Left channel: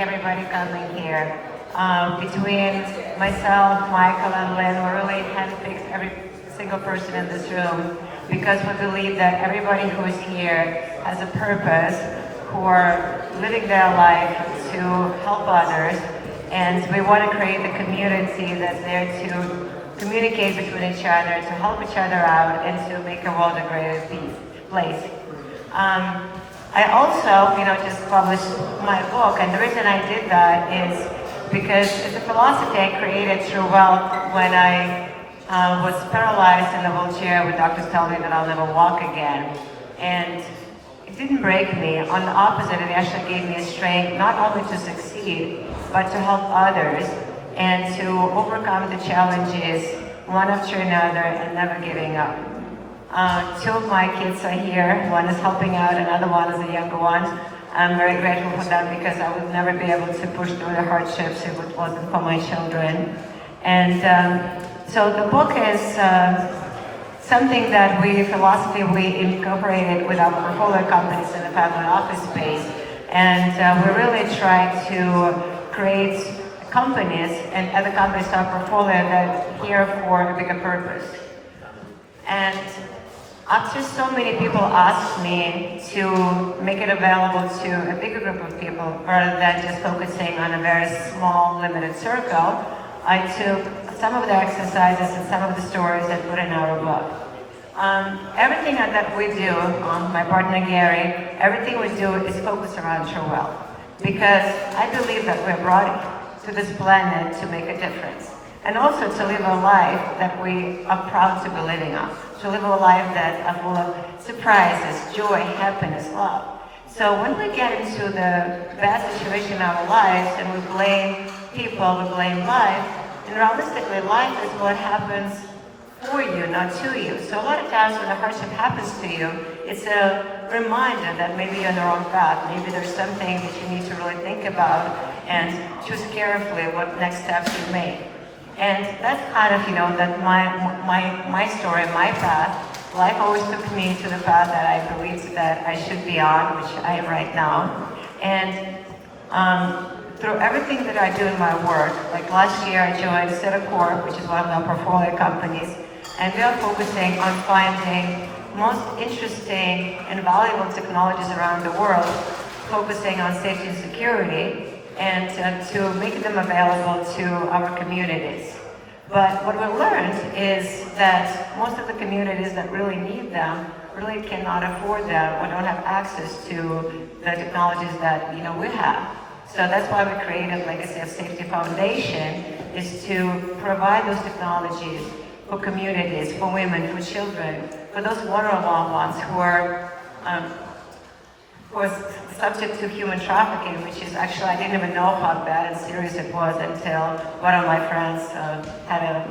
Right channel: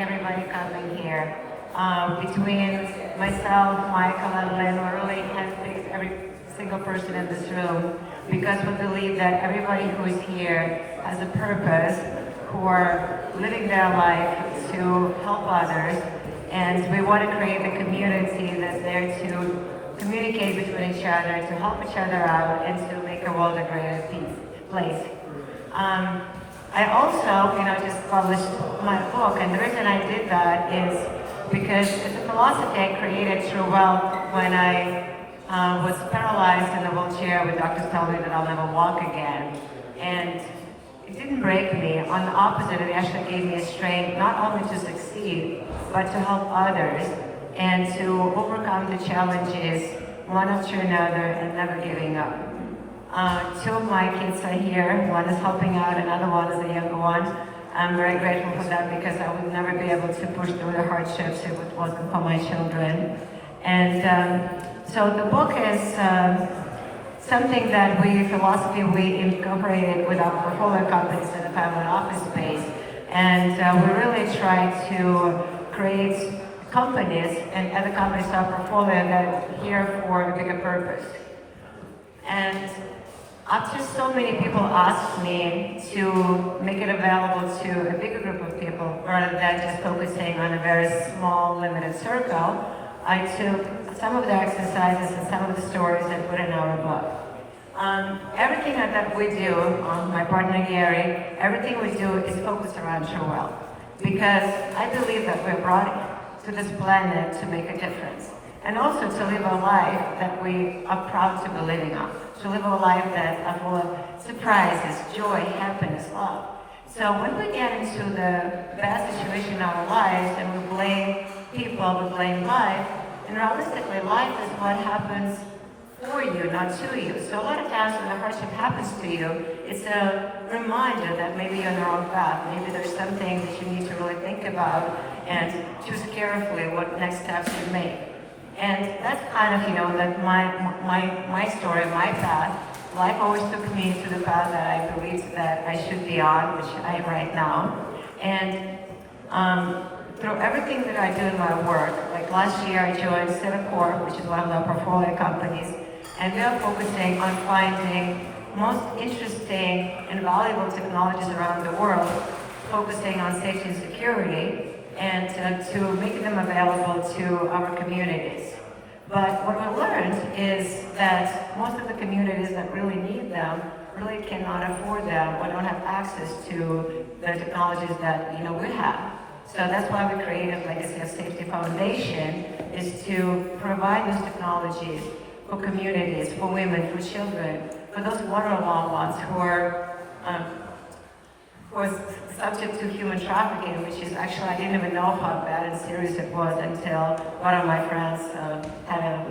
everybody coming here. Between myself, Michael, and Lynn, we really handpicked every single person in this room because we believe that everybody who is here has a purpose for living their life to help others, and we want to create a community that's there to communicate between each other, to help each other out, and to make the world a greater place. I also, just published my book, and the reason I did that is because it's a philosophy I created TrueWealth when I was paralyzed in a wheelchair where doctors told me that I'll never walk again. And it didn't break me. On the opposite, it actually gave me a strength not only to succeed, but to help others and to overcome the challenges one after another and never giving up. Two of my kids are here. One is helping out, another one is a younger one. I'm very grateful for that because I would never be able to push through the hardships if it wasn't for my children. And so the book is something that philosophy we incorporated with our portfolio companies in the family office space. And we really try to create companies and other companies in our portfolio that are here for a bigger purpose. And after so many people asked me to make it available to a bigger group of people rather than just focusing on a very small, limited circle, I took some of the exercises and some of the stories and put in our book. Everything that we do, my partner Gary, everything we do is focused around TrueWealth because I believe that we're brought to this planet to make a difference and also to live a life that we are proud to be living on, to live a life that is full of surprises, joy, happiness, love. So when we get into the bad situation in our lives and we blame people, we blame life, and realistically life is what happens for you, not to you. So a lot of times when a hardship happens to you, it's a reminder that maybe you're on the wrong path. Maybe there's something that you need to really think about and choose carefully what next steps you make. And that's kind of, that my story, my path. Life always took me to the path that I believed that I should be on, which I am right now. And through everything that I do in my work, like last year I joined Cytta Corp, which is one of our portfolio companies, and we are focusing on finding most interesting and valuable technologies around the world, focusing on safety and security, and to make them available to our communities. But what we learned is that most of the communities that really need them really cannot afford them or don't have access to the technologies that we have. So that's why we created Legacy of Safety Foundation, is to provide those technologies for communities, for women, for children, for those vulnerable ones who are subject to human trafficking, which is actually, I didn't even know how bad and serious it was until one of my friends had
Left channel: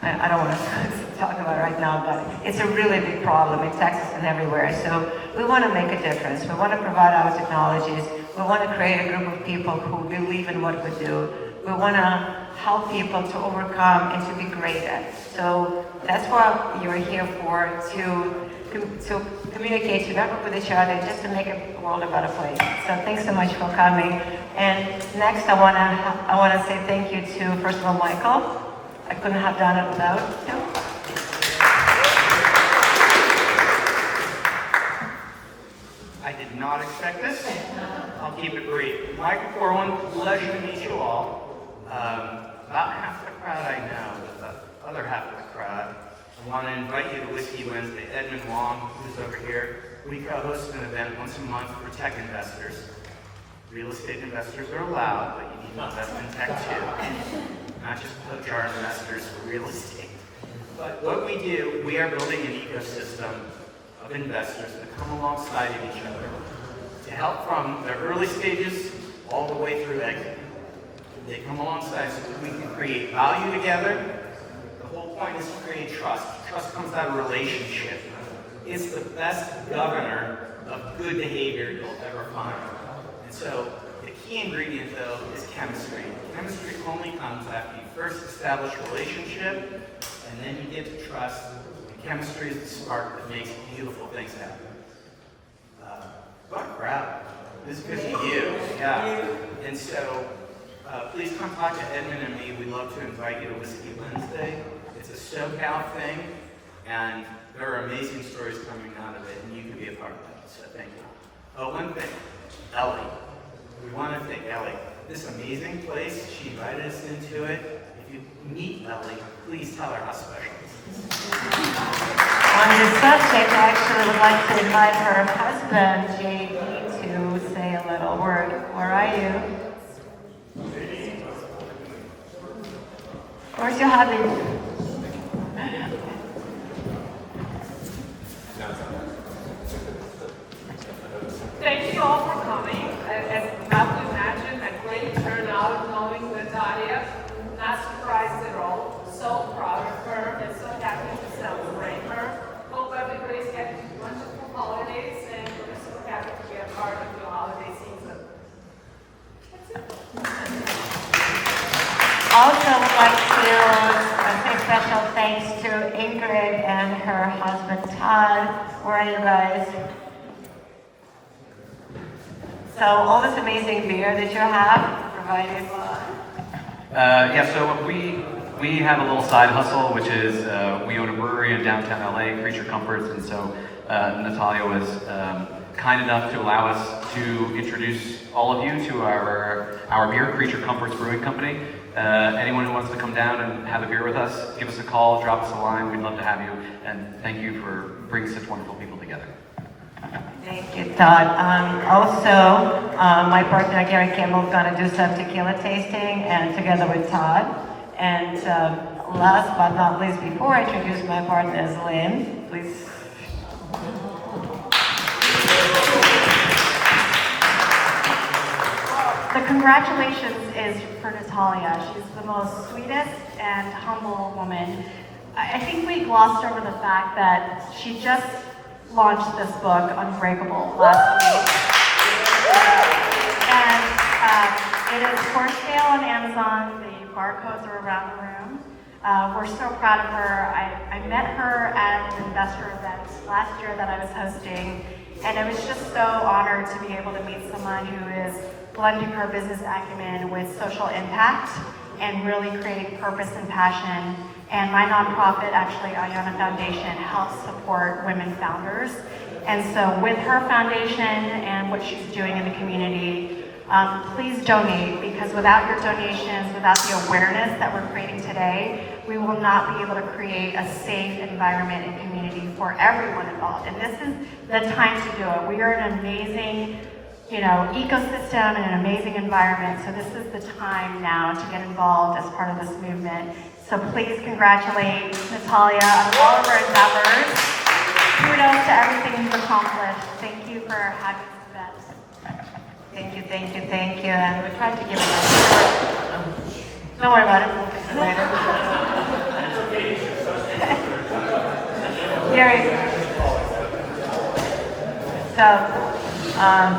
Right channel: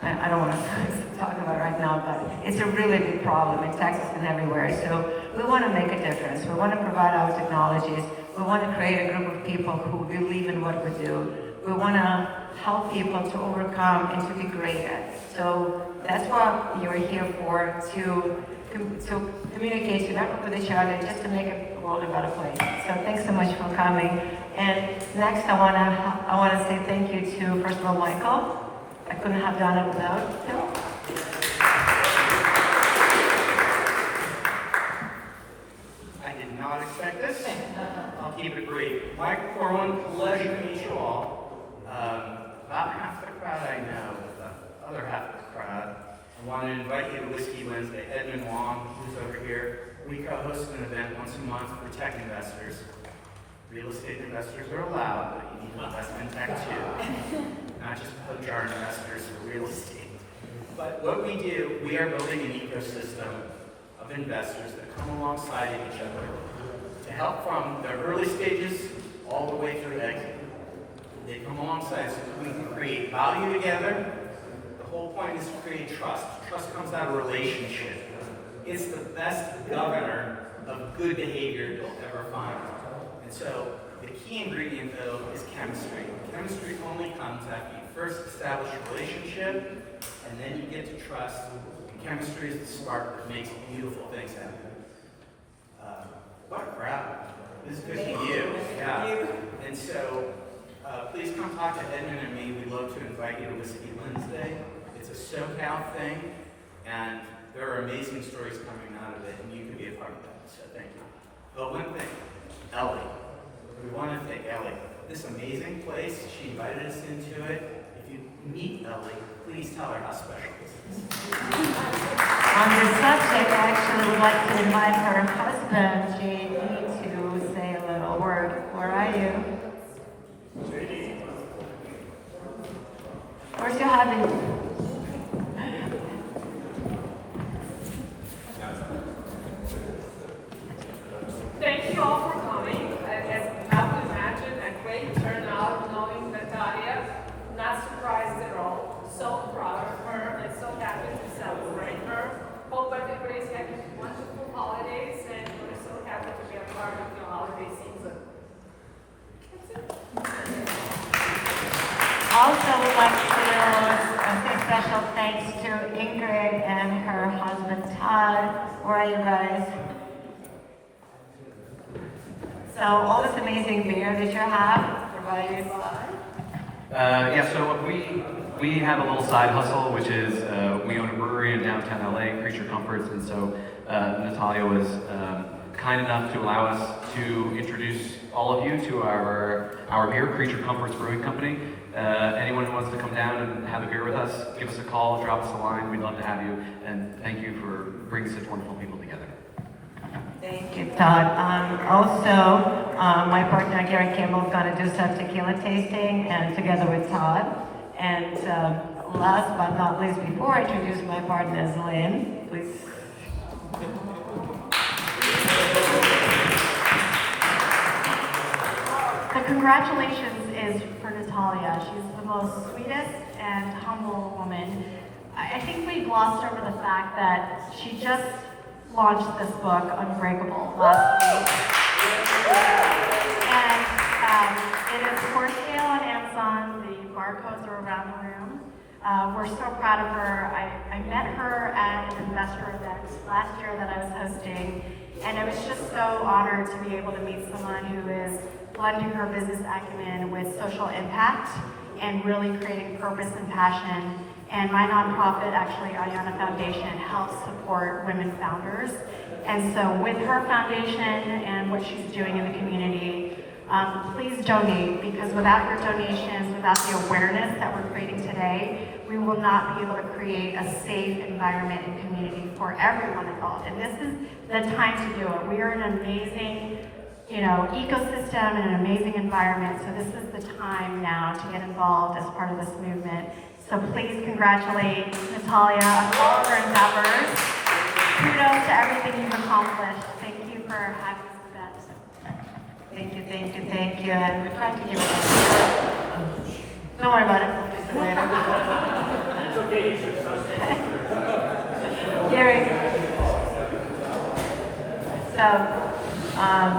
I don't want to talk about it right now, but it's a really big problem in Texas and everywhere. So we want to make a difference. We want to provide our technologies. We want to create a group of people who believe in what we do. We want to help people to overcome and to be greater. So that's what you're here for, to communicate, to work with each other, just to make the world a better place. So thanks so much for coming. And next, I want to say thank you to, first of all, Michael. I couldn't have done it without him. I did not expect this. I'll keep it brief. Michael Corwin, pleasure to meet you all. About half the crowd I know, but the other half of the crowd, I want to invite you to Whiskey Wednesday. Edmund Wong, who's over here, we host an event once a month for tech investors. Real estate investors are allowed, but you need to invest in tech too. Not just HR investors for real estate. But what we do, we are building an ecosystem of investors that come alongside of each other to help from the early stages all the way through exit. They come alongside so that we can create value together. The whole point is to create trust. Trust comes out of relationship. It's the best governor of good behavior you'll ever find. And so the key ingredient, though, is chemistry. Chemistry only comes after you first establish a relationship, and then you get to trust. And chemistry is the spark that makes beautiful things happen. What a crowd. This is good to you. Yeah. And so, please come talk to Edmund and me. We'd love to invite you to Whiskey Wednesday. It's a SoCal thing, and there are amazing stories coming out of it, and you can be a part of that. So thank you. Oh, one thing, Ellie. We want to thank Ellie. This amazing place, she invited us into it. If you meet Ellie, please tell her how special it is. On this subject, I actually would like to invite her husband, JD, to say a little word. Where are you? Where's your hubby? Thank you all for coming. It's not to imagine a great turnout knowing Natalia. Not surprised at all. So proud of her and so happy to celebrate her. Hope everybody's had wonderful holidays and we're so happy to be a part of your holiday season. That's it. Also would like to say special thanks to Ingrid and her husband Todd. Where are you guys? So all this amazing beer that you have provided. Yeah, so we have a little side hustle, which is we own a brewery in downtown LA, Creature Comforts, and so Natalia was kind enough to allow us to introduce all of you to our beer, Creature Comforts Brewing Company. Anyone who wants to come down and have a beer with us, give us a call, drop us a line. We'd love to have you, and thank you for bringing such wonderful people together. Thank you, Todd. Also, my partner Gary Campbell is going to do some tequila tasting, and together with Todd. And last but not least, before I introduce my partners, Lynn, please. The congratulations is for Natalia. She's the most sweetest and humble woman. I think we glossed over the fact that she just launched this book, Unbreakable, last week. And it is for sale on Amazon. The barcodes are around the room. We're so proud of her. I met her at an investor event last year that I was hosting, and it was just so honored to be able to meet someone who is blending her business acumen with social impact and really creating purpose and passion. And my nonprofit, actually, Ayana Foundation, helps support women founders. And so with her foundation and what she's doing in the community, please donate, because without your donations, without the awareness that we're creating today, we will not be able to create a safe environment and community for everyone involved. And this is the time to do it. We are in an amazing ecosystem and an amazing environment. So this is the time now to get involved as part of this movement. So please congratulate Natalia on all of her endeavors. Kudos to everything you've accomplished. Thank you for having this event. Thank you, thank you, thank you. And we tried to give it up. Don't worry about it. Gary. So,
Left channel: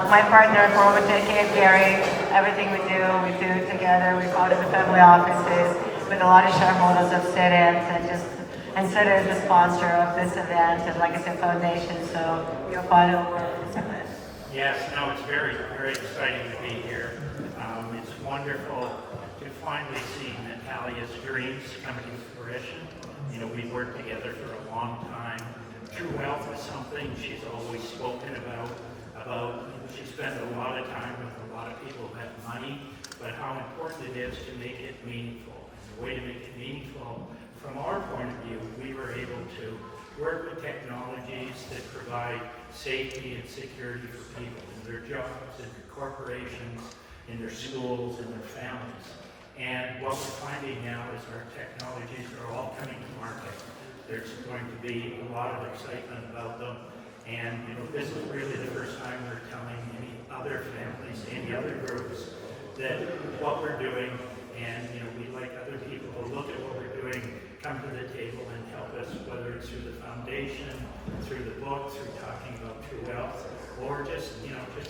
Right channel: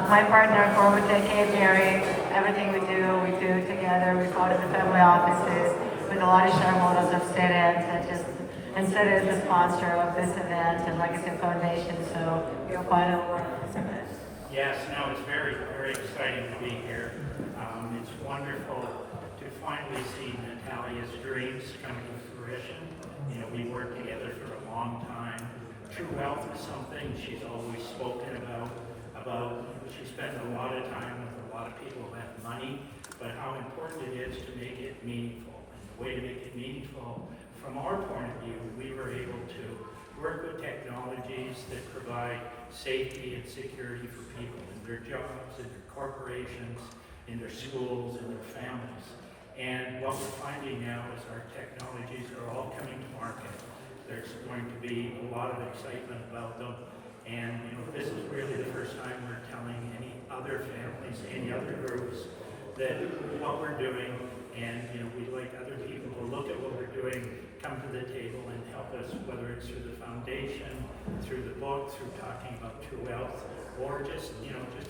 my partner for OTCQB, Gary, everything we do together. We go to the family offices with a lot of shareholders of Cytta, and Cytta is the sponsor of this event, and like I said, foundation, so we're part of this event. Yes, no, it's very, very exciting to be here. It's wonderful to finally see Natalia's dreams come to fruition. We worked together for a long time. TrueWealth is something she's always spoken about. She spent a lot of time with a lot of people who have money, but how important it is to make it meaningful. And the way to make it meaningful, from our point of view, we were able to work with technologies that provide safety and security for people in their jobs, in their corporations, in their schools, in their families. And what we're finding now is our technologies are all coming to market. There's going to be a lot of excitement about them. And this is really the first time we're telling any other families, any other groups, that what we're doing, and we like other people to look at what we're doing, come to the table and help us, whether it's through the foundation, through the book, through talking about TrueWealth, or just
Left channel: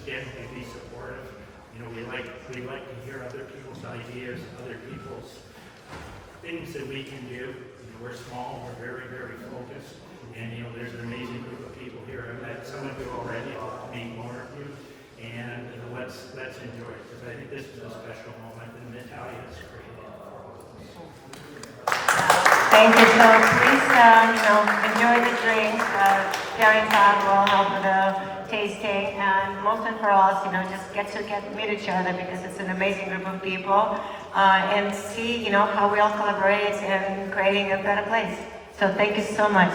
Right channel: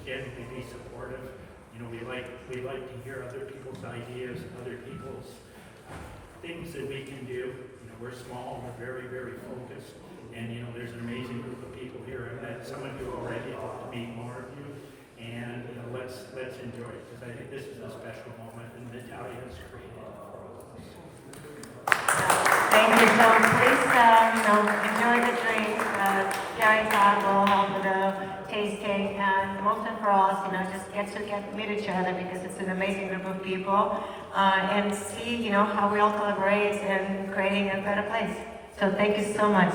generally be supportive. We like to hear other people's ideas, other people's things that we can do. We're small, we're very, very focused, and there's an amazing group of people here. I've met some of you already, I'll meet more of you, and let's enjoy it, because I think this is a special moment that Natalia has created for all of us. Thank you. So please, enjoy the drink. Carrie will help with the tasting, and most of all, just get to meet each other because it's an amazing group of people, and see, how we all collaborate in creating a better place. So thank you so much.